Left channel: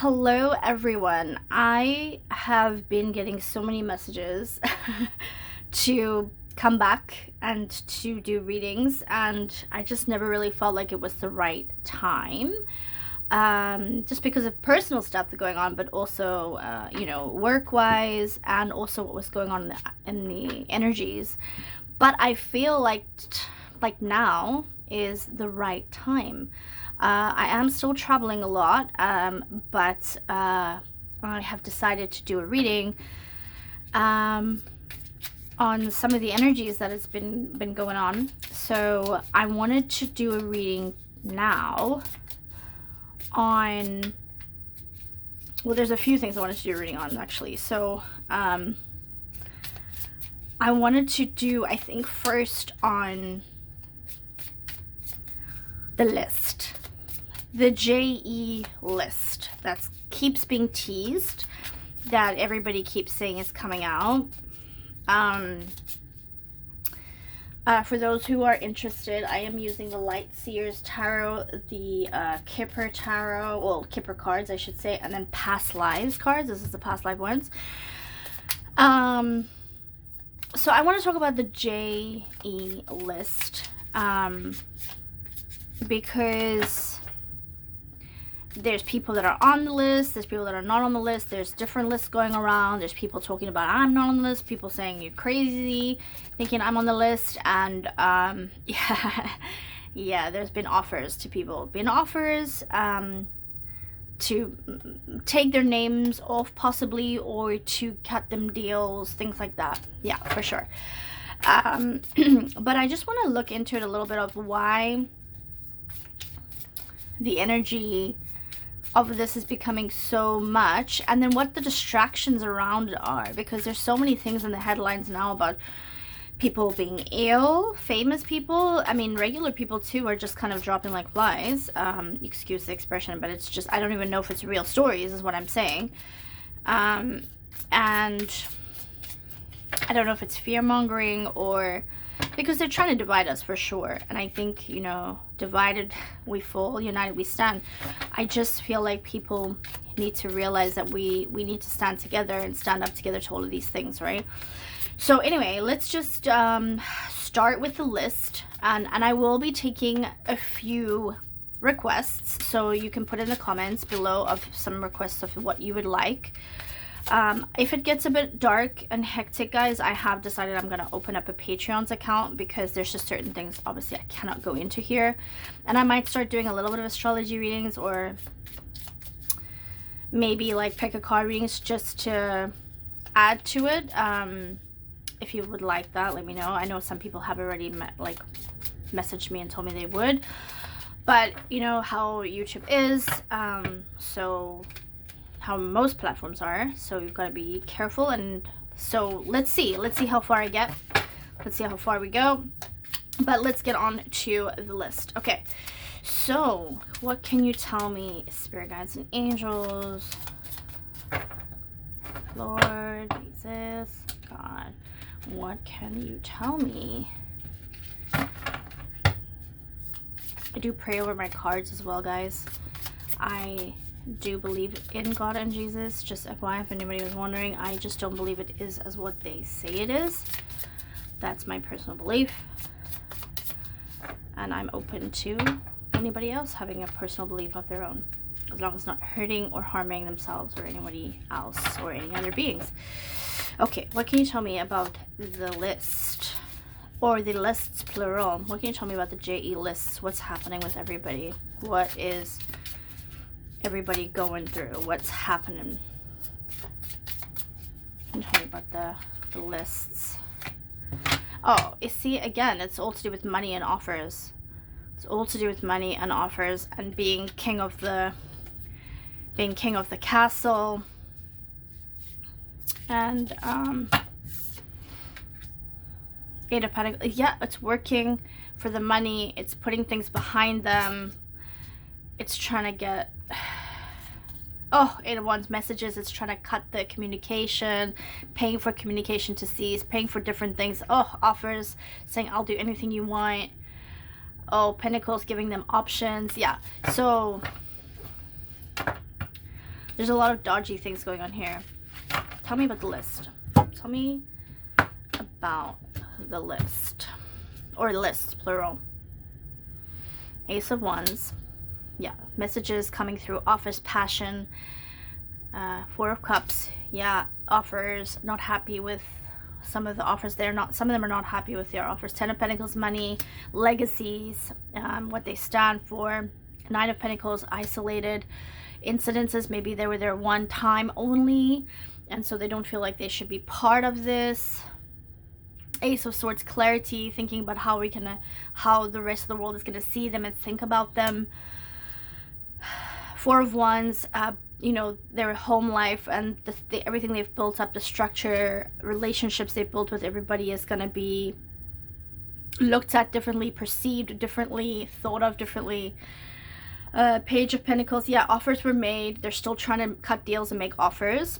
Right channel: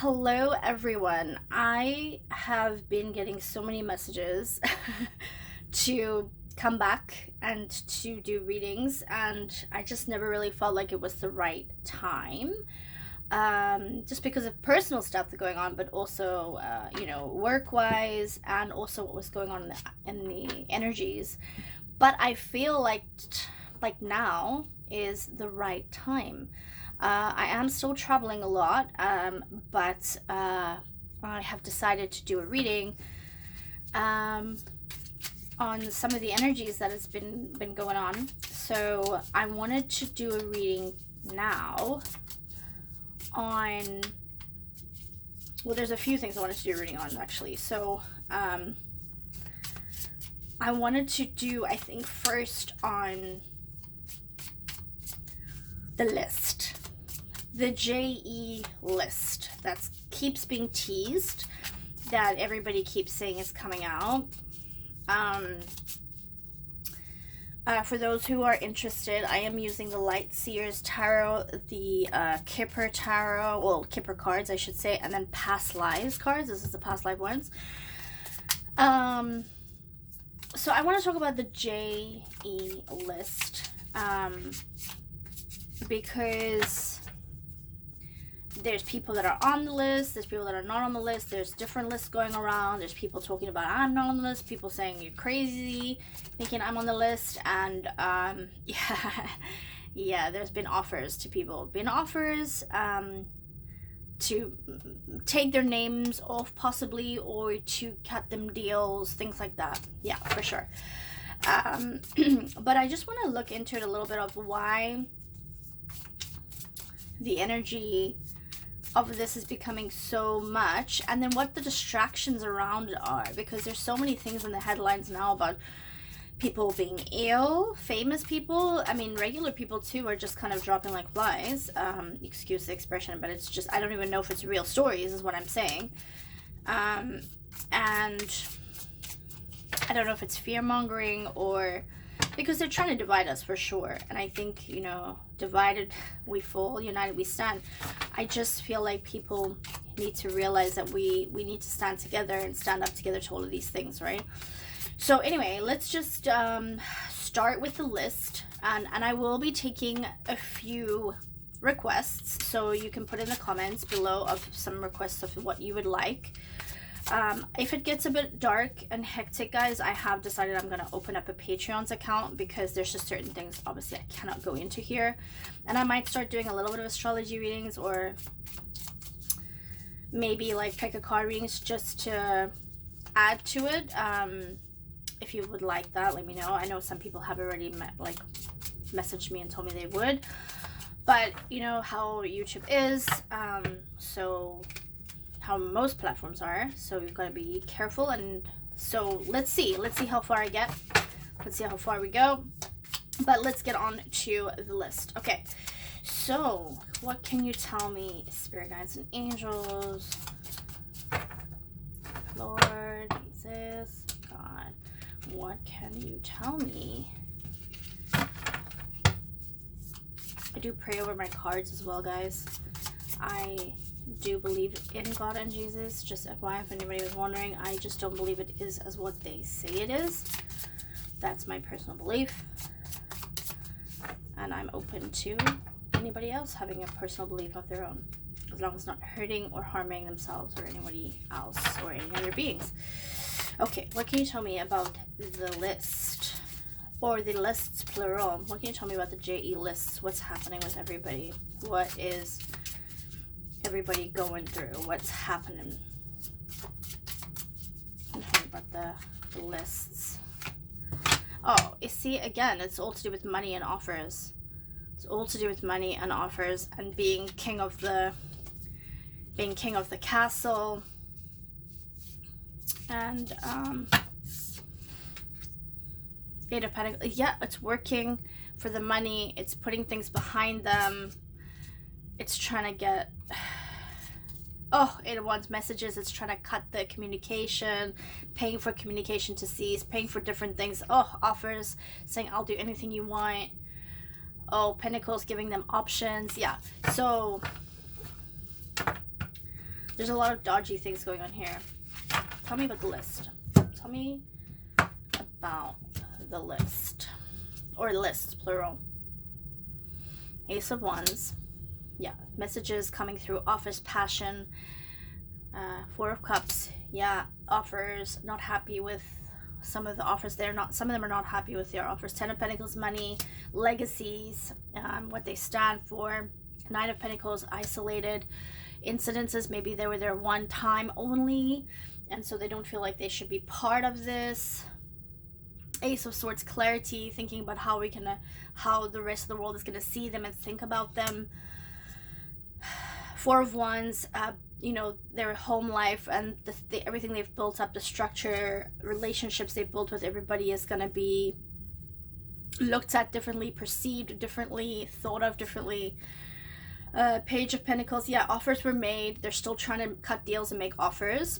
Hello, everyone. I have been getting so many messages to come back and to do readings, and I just never really felt like it was the right time. Just because of personal stuff that's going on, but also, work wise, and also what was going on in the energies. But I feel like now is the right time. I am still traveling a lot, but I have decided to do a reading um, on some of the energies that has been going on. So I wanted to do a reading now on. Well, there's a few things I wanted to do a reading on actually. So I wanted to do, I think, first on the list. The JE list that keeps being teased, that everybody keeps saying is coming out. For those who are interested, I am using the Light Seers Tarot, the Kipper Tarot, well, Kipper cards, I should say, and then Past Lives cards. This is the Past Life ones. So I want to talk about the JE list, because there's people that are on the list, there's people that are not on the list, there's different lists going around, there's people talking about I'm not on the list, people saying you're crazy thinking I'm on the list, and yeah, there's been offers to people, to take their names off possibly, or to cut them deals, things like that. Yeah, for sure. But I just want to look into it a little bit of why the energy of this is becoming so much, and then what the distractions around it are, because there's so many things in the headlines now about people being ill, famous people, I mean regular people too, are just kind of dropping like flies. Excuse the expression, but it's just, I don't even know if it's real stories is what I'm saying. And I don't know if it's fear mongering, or because they're trying to divide us for sure. And I think, divided we fall, united we stand. I just feel like people need to realize that we need to stand together and stand up together to all of these things, right? So anyway, let's just start with the list, and I will be taking a few requests, so you can put in the comments below of some requests of what you would like. If it gets a bit dark and hectic, guys, I have decided I'm going to open up a Patreon's account, because there's just certain things obviously I cannot go into here, and I might start doing a little bit of astrology readings, or maybe like pick a card readings just to add to it. If you would like that, let me know. I know some people have already messaged me and told me they would, but you know how YouTube is, so how most platforms are, so you've got to be careful. And so let's see how far I get, let's see how far we go, but let's get on to the list. Okay, so what can you tell me, spirit guides and angels, Lord Jesus, God, what can you tell me? I do pray over my cards as well, guys. I do believe in God and Jesus, just FYI if anybody was wondering. I just don't believe it is as what they say it is. That's my personal belief, and I'm open to anybody else having a personal belief of their own, as long as it's not hurting or harming themselves or anybody else or any other beings. Okay, what can you tell me about the list, or the lists plural? What can you tell me about the JE lists? What's happening with everybody? What is everybody going through? What's happening? Can you tell me about the lists? Oh, you see, again, it's all to do with money and offers. It's all to do with money and offers, and being king of the castle. And Eight of Pentacles. Yeah, it's working for the money. It's putting things behind them. It's trying to get, Eight of Wands messages. It's trying to cut the communication, paying for communication to cease, paying for different things. Offers, saying I'll do anything you want. Pentacles, giving them options. Yeah, so There's a lot of dodgy things going on here. Tell me about the list. Tell me about the list. Or list, plural. Ace of Wands. Yeah, messages coming through. Offers, passion. Four of Cups. Yeah, offers. Not happy with some of the offers. Some of them are not happy with their offers. Ten of Pentacles, money, legacies, what they stand for. Nine of Pentacles, isolated. Incidences, maybe they were there one time only, and so they don't feel like they should be part of this. Ace of Swords, clarity, thinking about how the rest of the world is gonna see them and think about them. Four of Wands, you know, their home life and everything they've built up, the structure, relationships they've built with everybody is gonna be looked at differently, perceived differently, thought of differently. Page of Pentacles, yeah, offers were made. They're still trying to cut deals and make offers.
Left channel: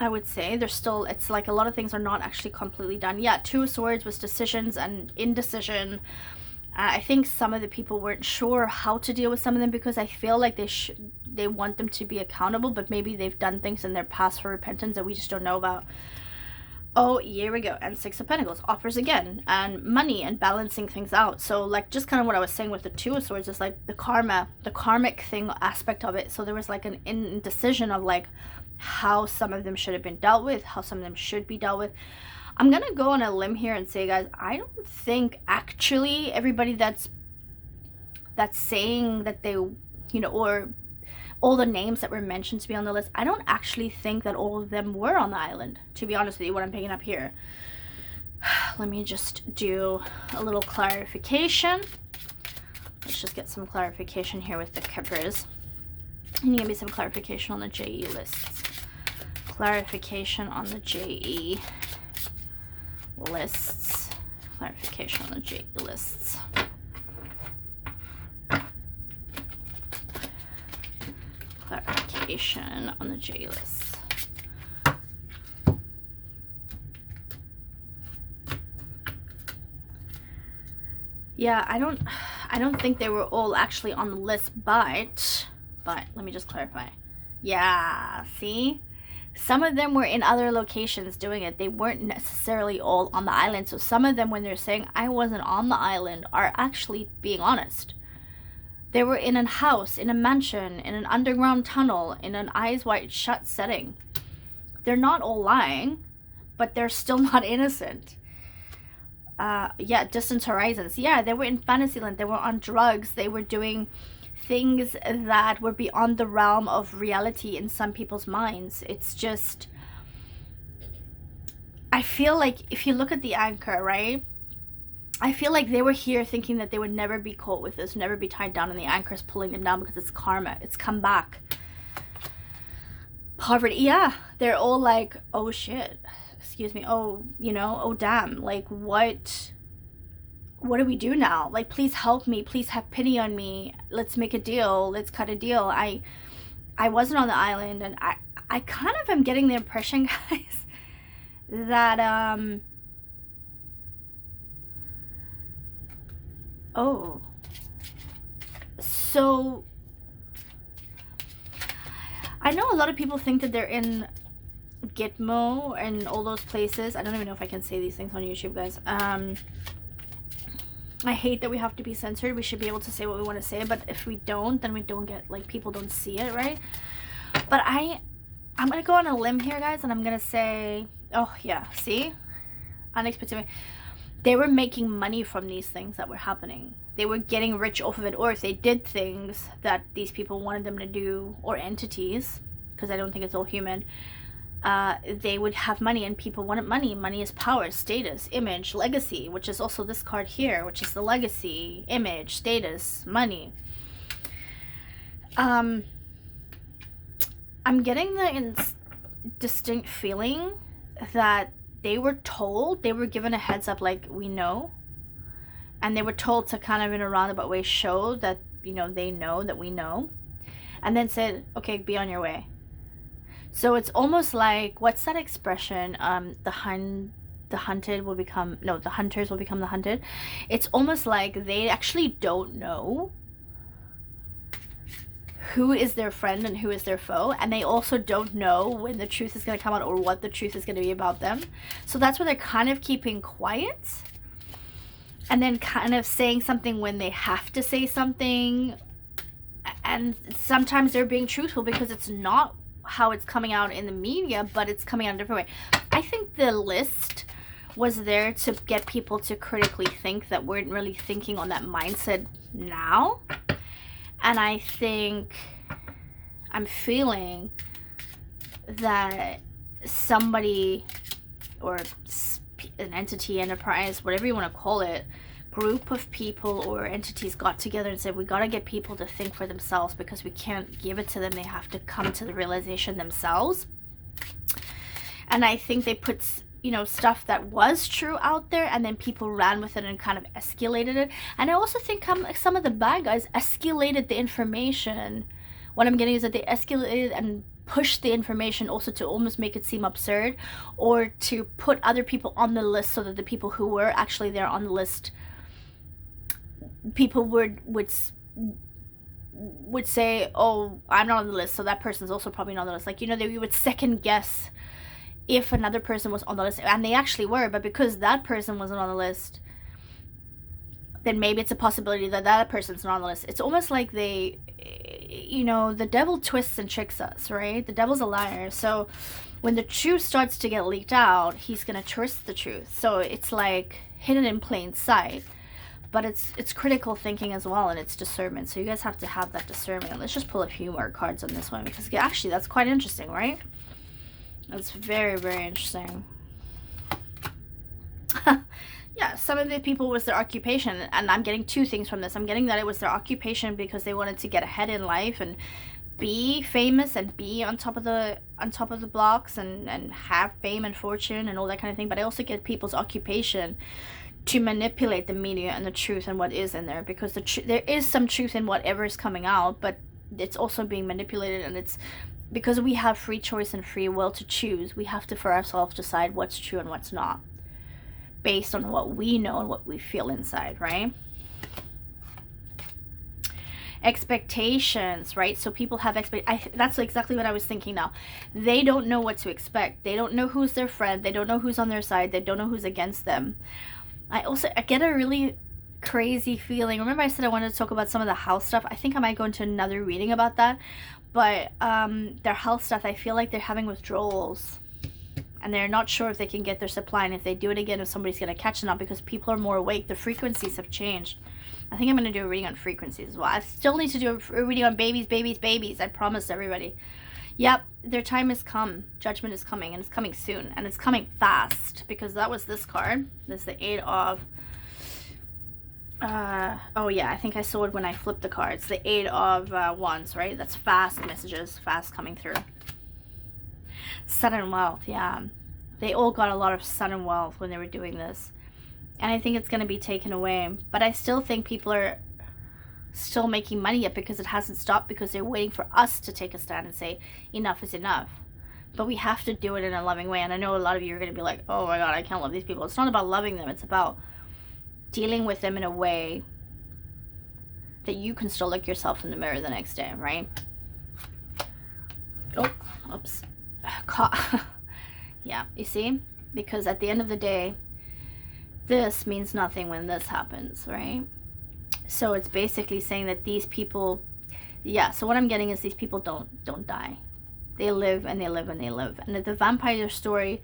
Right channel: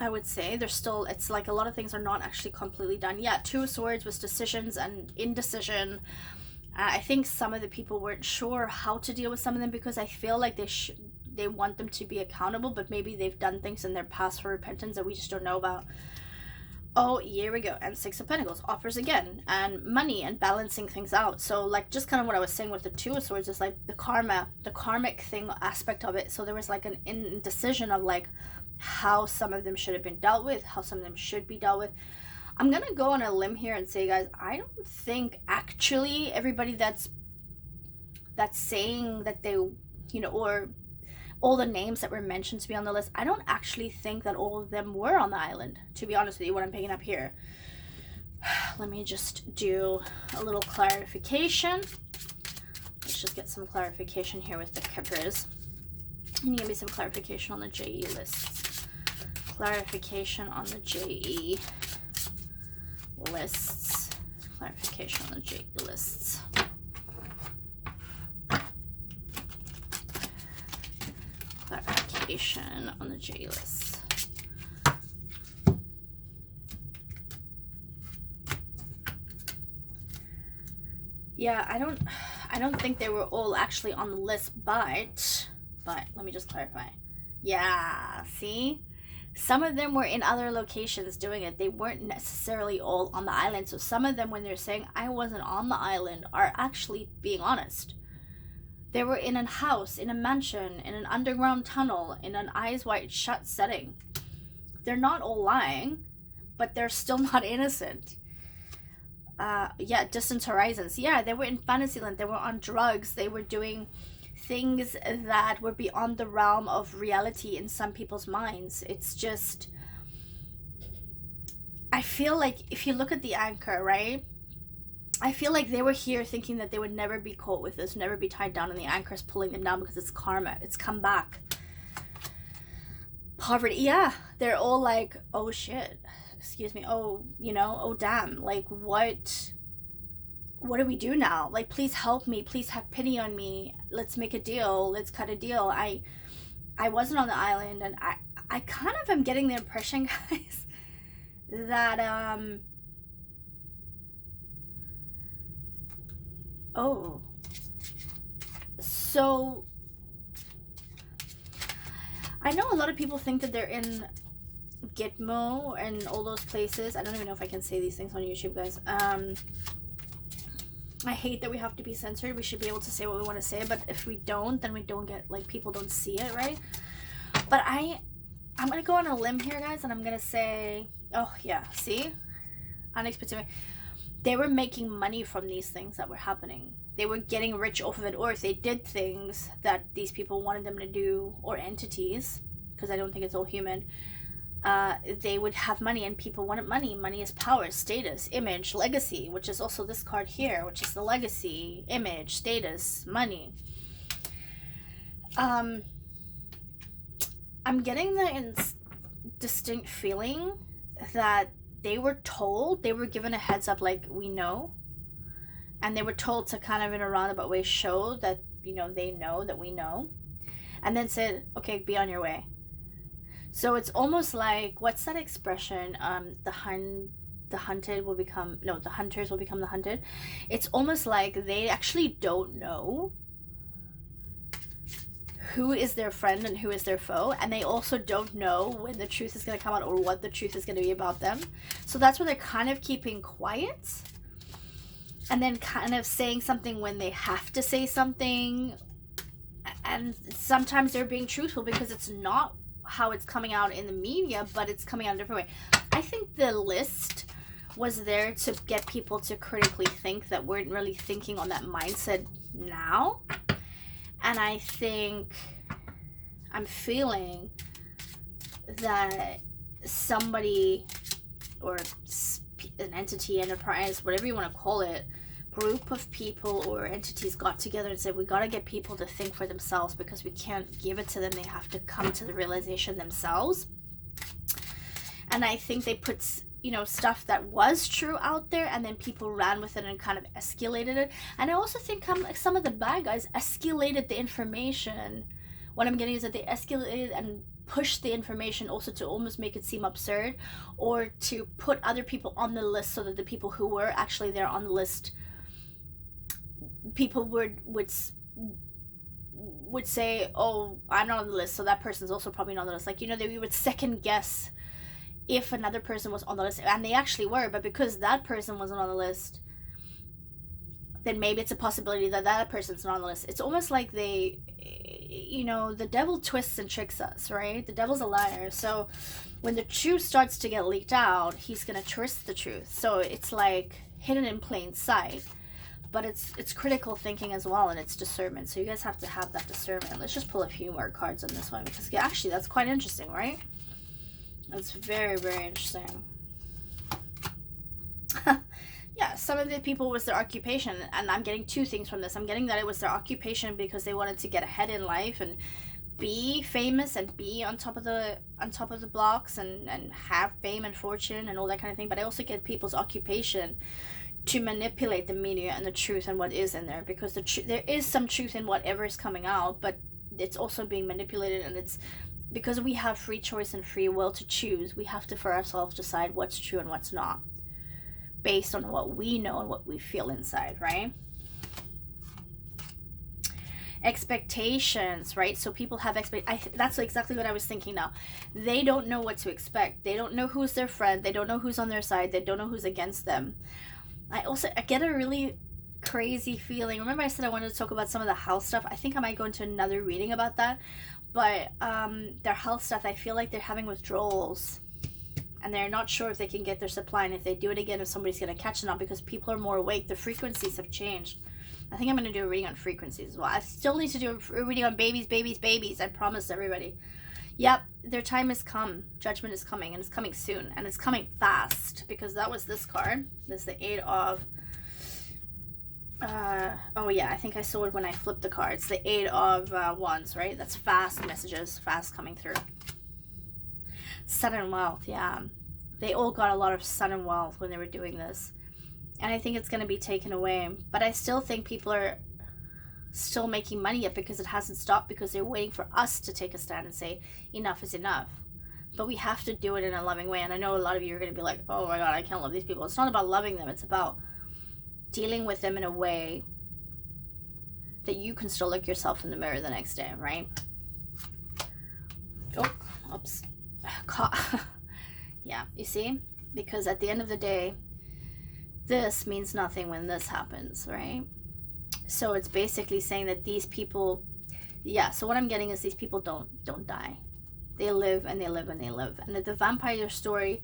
I would say they're still, it's like a lot of things are not actually completely done. Yeah, Two of Swords was decisions and indecision. I think some of the people weren't sure how to deal with some of them because I feel like they want them to be accountable, but maybe they've done things in their past for repentance that we just don't know about. Oh, here we go. And Six of Pentacles, offers again, and money and balancing things out. So like just kind of what I was saying with the Two of Swords is like the karmic thing aspect of it. So there was like an indecision of like how some of them should have been dealt with, how some of them should be dealt with. I'm gonna go on a limb here and say, guys, I don't think actually everybody that's saying that they, you know, or all the names that were mentioned to be on the list, I don't actually think that all of them were on the island, to be honest with you, what I'm picking up here. Let me just do a little clarification. Let's just get some clarification here with the Kipras. And you give me some clarification on the JE lists. Clarification on the JE lists. Clarification on the JE lists. Clarification on the J list. Yeah, I don't think they were all actually on the list, but let me just clarify. Yeah, see? Some of them were in other locations doing it. They weren't necessarily all on the island. So some of them, when they're saying I wasn't on the island, are actually being honest. They were in a house, in a mansion, in an underground tunnel, in an eyes wide shut setting. They're not all lying, but they're still not innocent. Yeah, Distant Horizons. Yeah, they were in Fantasyland. They were on drugs. They were doing things that were beyond the realm of reality in some people's minds. It's just, I feel like if you look at the anchor, right? I feel like they were here thinking that they would never be caught with this, never be tied down, and the anchor is pulling them down because it's karma. It's come back. Poverty. Yeah, they're all like, oh shit. Excuse me. Oh, you know, oh damn. Like, what do we do now? Like, please help me. Please have pity on me. Let's make a deal. Let's cut a deal. I wasn't on the island, and I kind of am getting the impression, guys, that oh, so I know a lot of people think that they're in Gitmo and all those places. I don't even know if I can say these things on YouTube, guys. I hate that we have to be censored. We should be able to say what we want to say, but if we don't, then we don't get, like, people don't see it, right? But I'm gonna go on a limb here, guys, and I'm gonna say, oh yeah, see, unexpected. They were making money from these things that were happening. They were getting rich off of it, or if they did things that these people wanted them to do, or entities, because I don't think it's all human, they would have money, and people wanted money. Money is power, status, image, legacy, which is also this card here, which is the legacy, image, status, money. I'm getting the distinct feeling that they were told, they were given a heads up, like, we know, and they were told to kind of in a roundabout way show that, you know, they know that we know, and then said, okay, be on your way. So it's almost like, what's that expression? The hunters will become the hunted. It's almost like they actually don't know who is their friend and who is their foe, and they also don't know when the truth is going to come out or what the truth is going to be about them. So that's why they're kind of keeping quiet and then kind of saying something when they have to say something. And sometimes they're being truthful because it's not how it's coming out in the media, but it's coming out a different way. I think the list was there to get people to critically think that we're really thinking on that mindset now. And I think I'm feeling that somebody or an entity, enterprise, whatever you want to call it, group of people or entities got together and said, we got to get people to think for themselves because we can't give it to them. They have to come to the realization themselves. And I think they put, you know, stuff that was true out there, and then people ran with it and kind of escalated it. And I also think some of the bad guys escalated the information. What I'm getting is that they escalated and pushed the information also to almost make it seem absurd, or to put other people on the list so that the people who were actually there on the list, people would say, oh, I'm not on the list, so that person's also probably not on the list. Like, you know, we would second guess if another person was on the list, and they actually were, but because that person wasn't on the list, then maybe it's a possibility that that person's not on the list. It's almost like they, you know, the devil twists and tricks us, right? The devil's a liar. So when the truth starts to get leaked out, he's gonna twist the truth. So it's like hidden in plain sight, but it's critical thinking as well, and it's discernment. So you guys have to have that discernment. Let's just pull a few more cards on this one, because actually that's quite interesting, right? That's very, very interesting. Yeah, some of the people was their occupation, and I'm getting two things from this. I'm getting that it was their occupation because they wanted to get ahead in life and be famous and be on top of the blocks and have fame and fortune and all that kind of thing. But I also get people's occupation to manipulate the media and the truth and what is in there, because there is some truth in whatever is coming out, but it's also being manipulated, and it's because we have free choice and free will to choose. We have to for ourselves decide what's true and what's not, based on what we know and what we feel inside, right? Expectations, right? So people have that's exactly what I was thinking now. They don't know what to expect. They don't know who's their friend. They don't know who's on their side. They don't know who's against them. I get a really crazy feeling. Remember I said I wanted to talk about some of the health stuff? I think I might go into another reading about that. But their health stuff, I feel like they're having withdrawals, and they're not sure if they can get their supply, and if they do it again, if somebody's going to catch it up, because people are more awake. The frequencies have changed. I think I'm going to do a reading on frequencies as well. I still need to do a reading on babies. I promised everybody. Yep, their time has come. Judgment is coming, and it's coming soon, and it's coming fast, because that was this card. This is the 8 of... oh yeah, I think I saw it when I flipped the cards. The 8 of Wands, right? That's fast messages, fast coming through. Sudden wealth, yeah. They all got a lot of sudden wealth when they were doing this. And I think it's going to be taken away. But I still think people are still making money yet, because it hasn't stopped, because they're waiting for us to take a stand and say, enough is enough. But we have to do it in a loving way. And I know a lot of you are going to be like, oh my God, I can't love these people. It's not about loving them. It's about dealing with them in a way that you can still look yourself in the mirror the next day, right? Oh, oops. Yeah, you see? Because at the end of the day, this means nothing when this happens, right? So it's basically saying that these people, yeah, so what I'm getting is these people don't die. They live and they live and they live. And the vampire story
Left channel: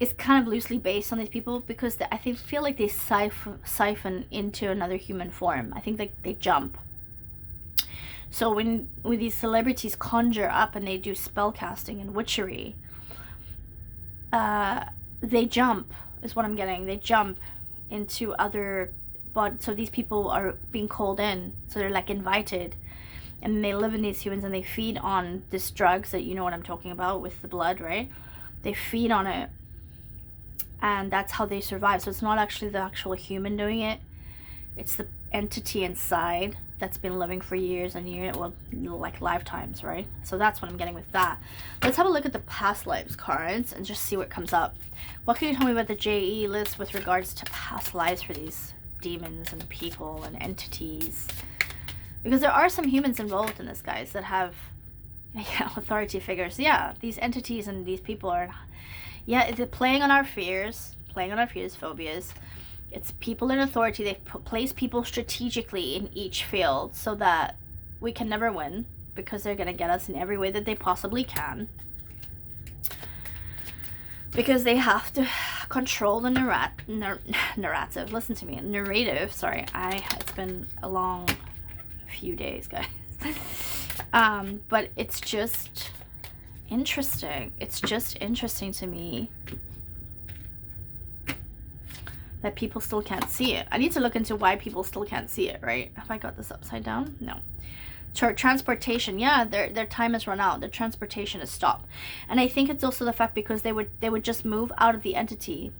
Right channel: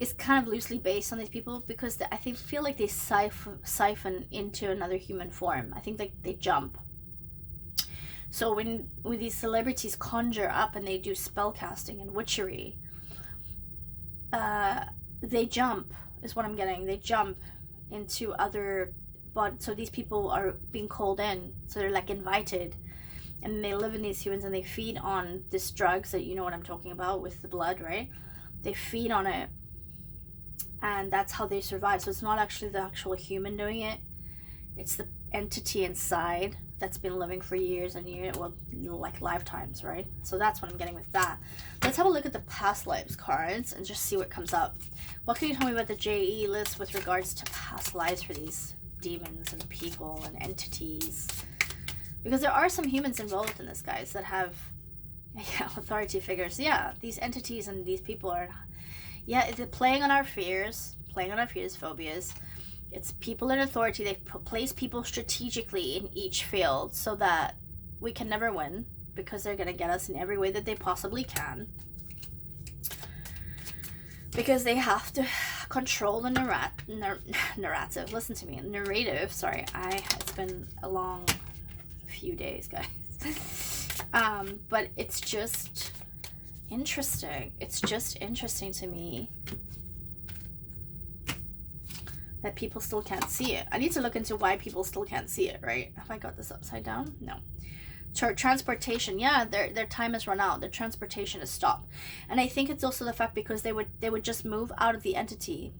is kind of loosely based on these people, because I feel like they siphon into another human form. I think they jump. So when these celebrities conjure up and they do spell casting and witchery, they jump, is what I'm getting. They jump into other, but so these people are being called in, so they're like invited, and they live in these humans, and they feed on this drugs that, you know what I'm talking about with the blood, right? They feed on it, and that's how they survive. So it's not actually the actual human doing it, it's the entity inside that's been living for years and years, well, like lifetimes, right? So that's what I'm getting with that. Let's have a look at the past lives cards and just see what comes up. What can you tell me about the JE list with regards to past lives for these demons and people and entities? Because there are some humans involved in this, guys, that have authority figures. Yeah, these entities and these people are, it's playing on our fears, phobias. It's people in authority. They place people strategically in each field so that we can never win, because they're going to get us in every way that they possibly can. Because they have to control the narrative. Listen to me. Narrative. Sorry. It's been a long few days, guys. But it's just interesting. It's just interesting to me that people still can't see it. I need to look into why people still can't see it, right? Have I got this upside down? No. Transportation, yeah, their time has run out. Their transportation has stopped. And I think it's also the fact because they would just move out of the entity.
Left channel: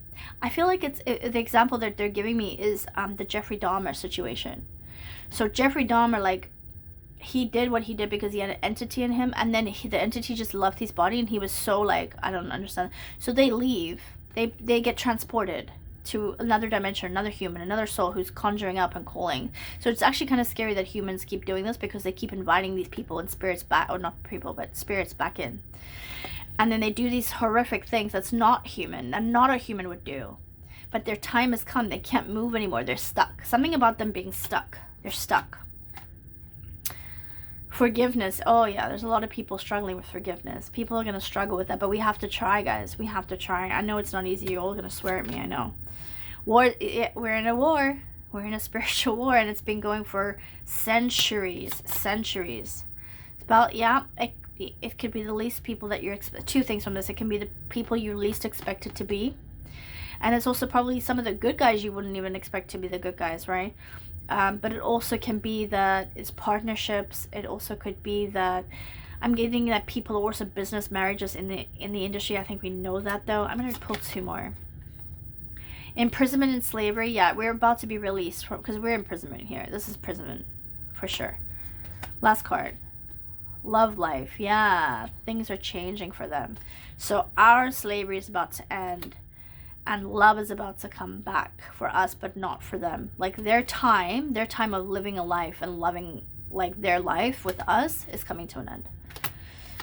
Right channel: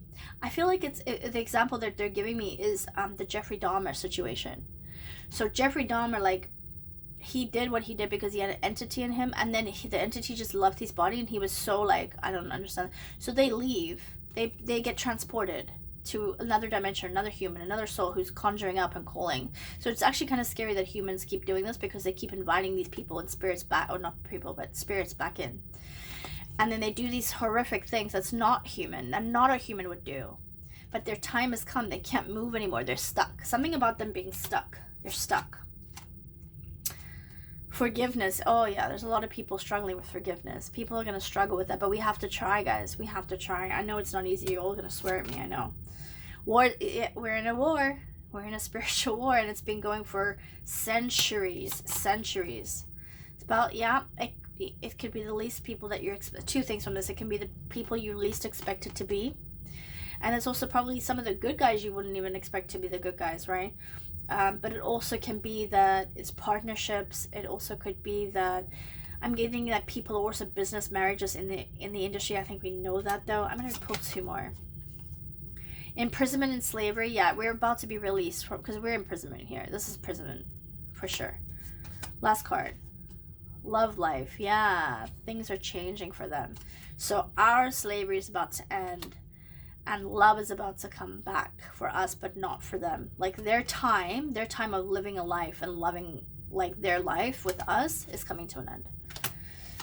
I feel like the example that they're giving me is the Jeffrey Dahmer situation. So Jeffrey Dahmer, like, he did what he did because he had an entity in him, and then the entity just left his body, and he was so like, I don't understand. So they leave. They get transported to another dimension, another human, another soul who's conjuring up and calling. So it's actually kind of scary that humans keep doing this, because they keep inviting these people and spirits back, or not people, but spirits back in. And then they do these horrific things that's not human, and not a human would do. But their time has come. They can't move anymore. They're stuck. Something about them being stuck. They're stuck. Forgiveness. Oh yeah, there's a lot of people struggling with forgiveness. People are going to struggle with that, but we have to try, guys. We have to try. I know it's not easy. You're all going to swear at me. I know. War. We're in a war. We're in a spiritual war, and it's been going for centuries. It's about, it could be the least people that you're two things from this. It can be the people you least expect it to be, and it's also probably some of the good guys you wouldn't even expect to be the good guys, right? But it also can be that it's partnerships. It also could be that I'm getting that people are also business marriages in the industry. I think we know that, though. I'm going to pull two more. Imprisonment and slavery. Yeah, we're about to be released because we're imprisonment here. This is imprisonment for sure. Last card. Love life. Yeah, things are changing for them. So our slavery is about to end, and love is about to come back for us, but not for them. Like their time of living a life and loving like their life with us is coming to an end.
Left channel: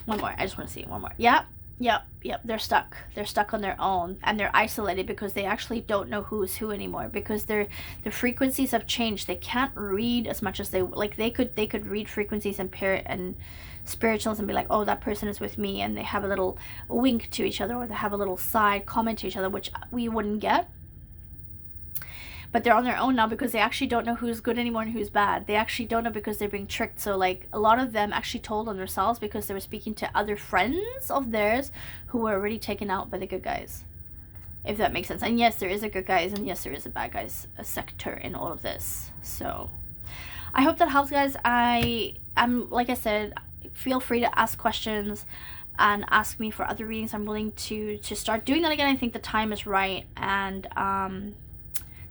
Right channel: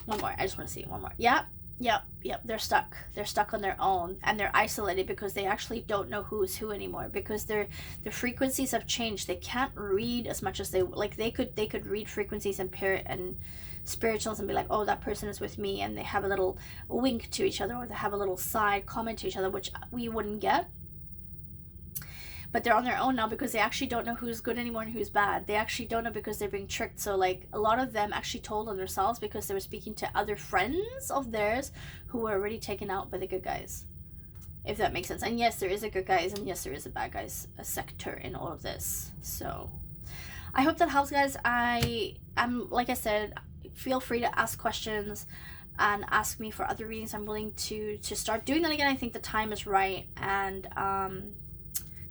One more. I just want to see one more. Yep. They're stuck on their own, and they're isolated because they actually don't know who's who anymore, because the frequencies have changed. They can't read as much as they like. They could read frequencies and spirituals and be like, oh, that person is with me, and they have a little wink to each other, or they have a little side comment to each other, which we wouldn't get. But they're on their own now because they actually don't know who's good anymore and who's bad. They actually don't know because they're being tricked. So like a lot of them actually told on themselves because they were speaking to other friends of theirs who were already taken out by the good guys, if that makes sense. And yes, there is a good guys, and yes, there is a bad guys, a sector in all of this. So I hope that helps, guys. I'm like I said, feel free to ask questions and ask me for other readings. I'm willing to start doing that again. I think the time is right. And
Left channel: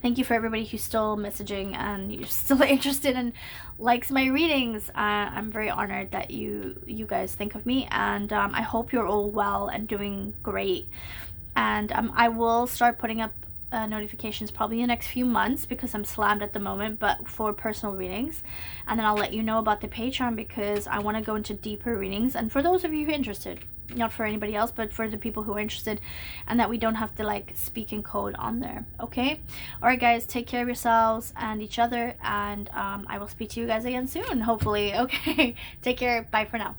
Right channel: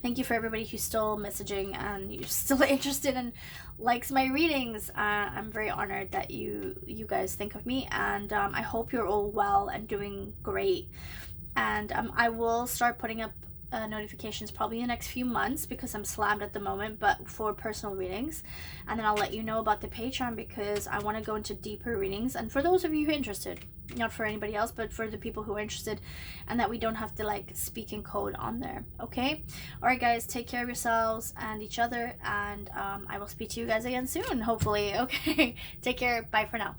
thank you for everybody who's still messaging and you're still interested and likes my readings. I'm very honored that you guys think of me, and I hope you're all well and doing great. And I will start putting up notifications probably in the next few months, because I'm slammed at the moment, but for personal readings. And then I'll let you know about the Patreon, because I want to go into deeper readings. And for those of you who are interested, not for anybody else, but for the people who are interested, and that we don't have to like speak in code on there. Okay, all right guys, take care of yourselves and each other, and I will speak to you guys again soon, hopefully. Okay, take care. Bye for now.